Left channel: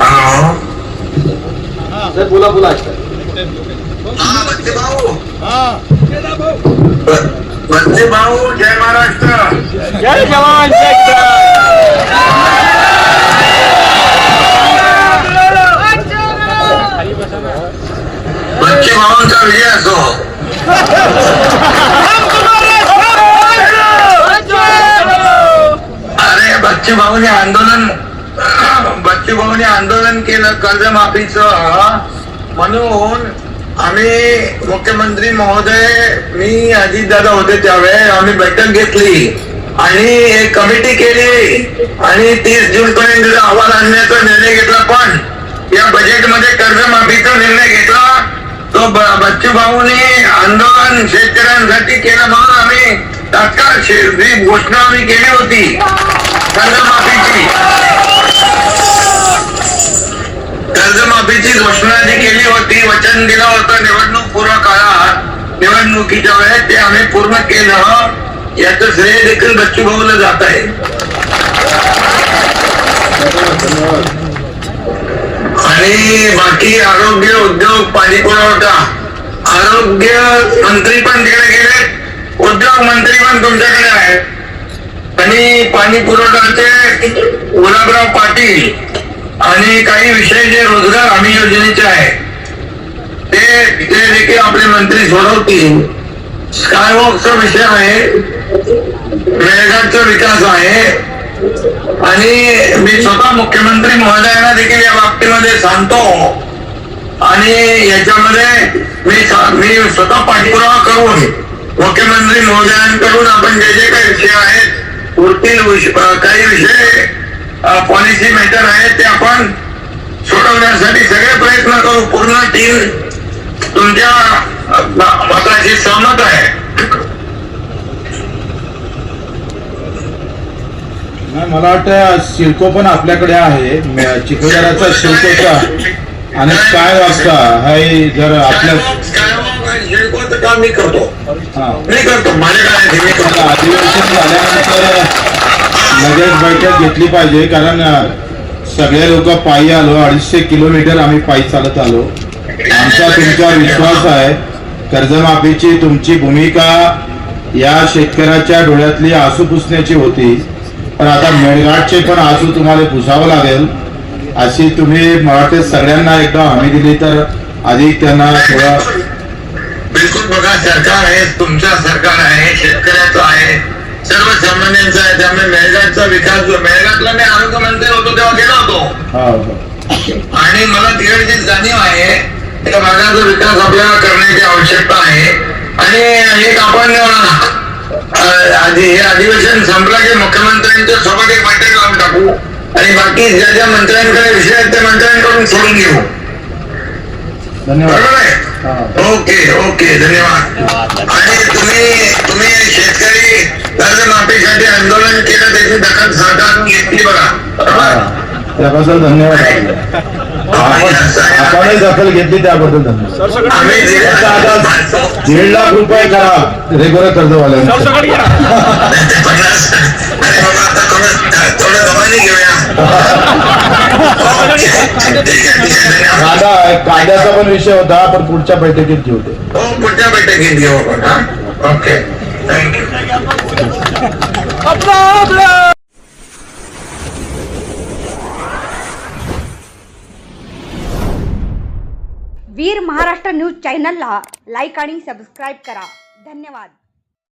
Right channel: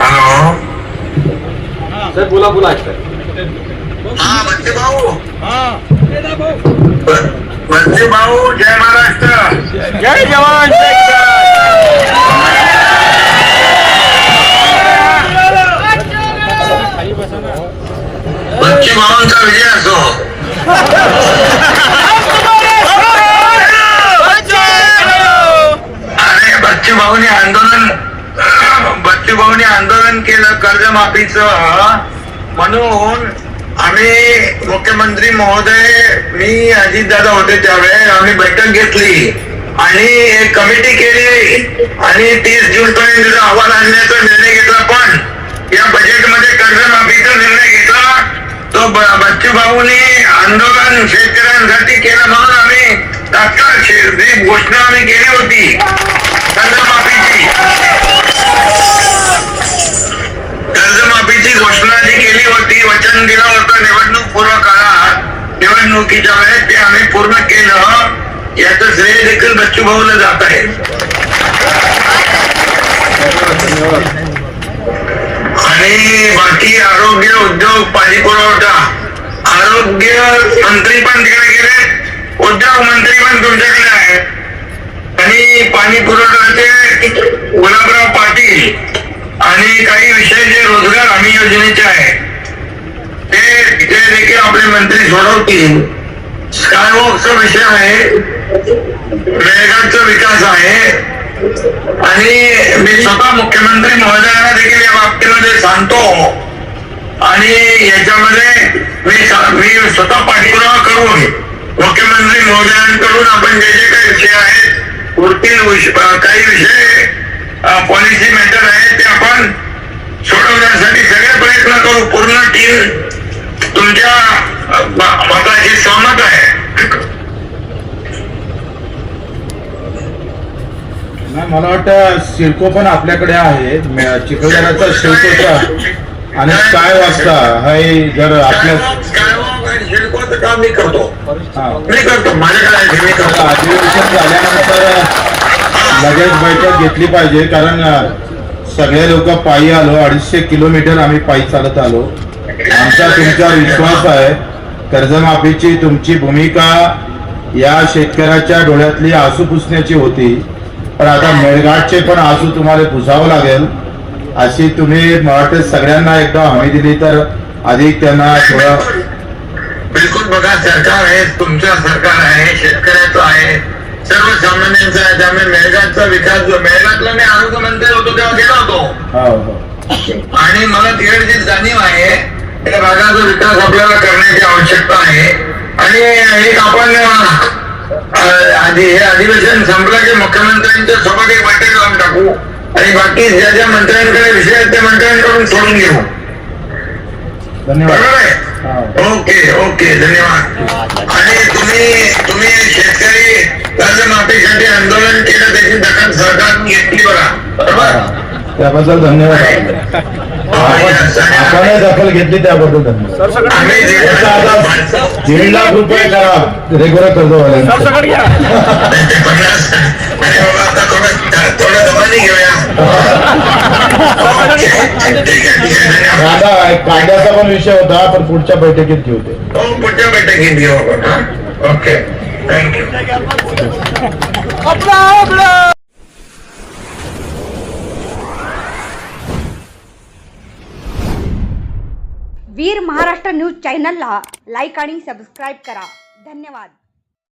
Hello sir बोला बोला. हा बच्चे भाऊ. बच्चे भाऊ जय महाराष्ट्र. जय जवान जय किसान. बच्चे भावांचा विजय असो. अरे बच्चे भाऊनी आंदोलन केलं कर्जमाफीचं, म्हणून आम्ही मुख्यमंत्री महोदय, मी अजितदादा होते त्यावेळेस आम्ही बैठक घेतली आणि एक कमिटी केली आणि 30 जून पर्यंत अहवाल आणण्याचा निर्णय घेतला. पण या बजेटमध्ये कर्जमाफीचा निर्णय घेतला तो बच्चू भाऊनी आंदोलन शेतकऱ्यांसाठी केलं, म्हणून आम्ही तात्काळ जी घोषणा आम्ही केली होती कर्जमाफीची घोषणा जी केली होती, वचन दिलं होतं निवडणूक पूर्व काळात, निवडणुकीच्या वेळेस ते आम्ही पूर्ण केलं. याचं श्रेय देखील बच्चू भाऊला जात आहे. आणि बाकी आरोग्य, उद्योग, पाणी पुरवठा, आरोग्य मंत्री पण तिकडे गेले, उद्योग मंत्री पण तुमच्याकडे आहेत आणि पाणी पुरवठ्याचे गुलाबराव पाटील आणि काही विषय जे रोजगार हमी योजनेचे आहेत ते देखील आपले मंत्री सोडवतील. स्कायवॉकचा विषय आहे, मेळघाटचा विकास आहे आणि मी स्वतः मुख्यमंत्री महोदयांना देखील या बाबतीमध्ये सांगतो आणि याच्यामध्ये मी स्वतः पाठपुरावा करून मुख्यमंत्री महोदयांकडून आपण जे जे काही विषय आहेत, उरतील काही विषय पॉलिसी मॅटर आहे ते आपण सोडवण्यासाठी सगळे प्रयत्न करू. पूर्ण टीम तुमच्या मताशी सहमत आहे. मला वाटतं सिडको पण आपल्याकडे आहे, चिखलदराचा सिडकोचा आणि काय वाजता हाय. जर आपल्या सिडकोचं काम मी करतो माझ्याकडे अधिवेशन झाल्यानंतर लगेच बैठक घेतली पाहिजे, कारण सगळे लोक पायी आलो, 250 किलोमीटर आम्ही पायी चालत आलो. आमचा तुमच्यावर विश्वास आहे. कर्जमाफीची तुमची भूमिका या शेतकऱ्याच्या डोळ्यातली आसू पुसण्याची होती, पण आता मेळघाटचे पण आसू तुम्हाला पुसावं लागेल. अशी तुम्ही मला सगळ्यांना एकदा हमी दिली तर अधिक त्यांना थोडं. बिलकुल बघा, सरकार आहे, तुमचं सरकार आहे, शेतकऱ्याचं आहे, सर्वसामान्यांचा आहे. त्यामुळे मेळघाटचा विकास, मेळघाटला मी आरोग्य मंत्री होतो तेव्हा गेलो होतो आणि मला तिकडची जाणीव आहे त्या भागाचा विकास आपल्याला करण्याची आवश्यकता आहे. आणि एक आपण हे अधिवेशन संपलं की मुख्यमंत्र्यांच्या सोबत एक बैठक लावून टाकू आणि बाकी ज्या ज्या मंत्र्यांकडे विषय आहेत त्या मंत्र्यांकडून सोडून घेऊ. धन्यवाद. ओके ओके, धन्यवाद. आणि तुम्ही शेतकरी कर्जमाफीसाठी आंदोलन केलं, त्याची दखल सरकारने घेतली बघा, बरोबर? त्याबद्दल धन्यवाद. आपणही दखल घेतली त्याबद्दल धन्यवाद. आम्ही 1.5 लाख रुपये करा रेग्युलर कर्जवाल्यांना. थोडं दबाने घेऊया. कायद्याचा पण विषय होता, पण पुढच्या बैठकीत घेऊ ते. हो, पुढच्या बैठकीत घेऊ आपण. Okay, thank you. Veer Maharashtra news चॅनलला लाईक आणि सबस्क्राईब करा. धन्यवाद.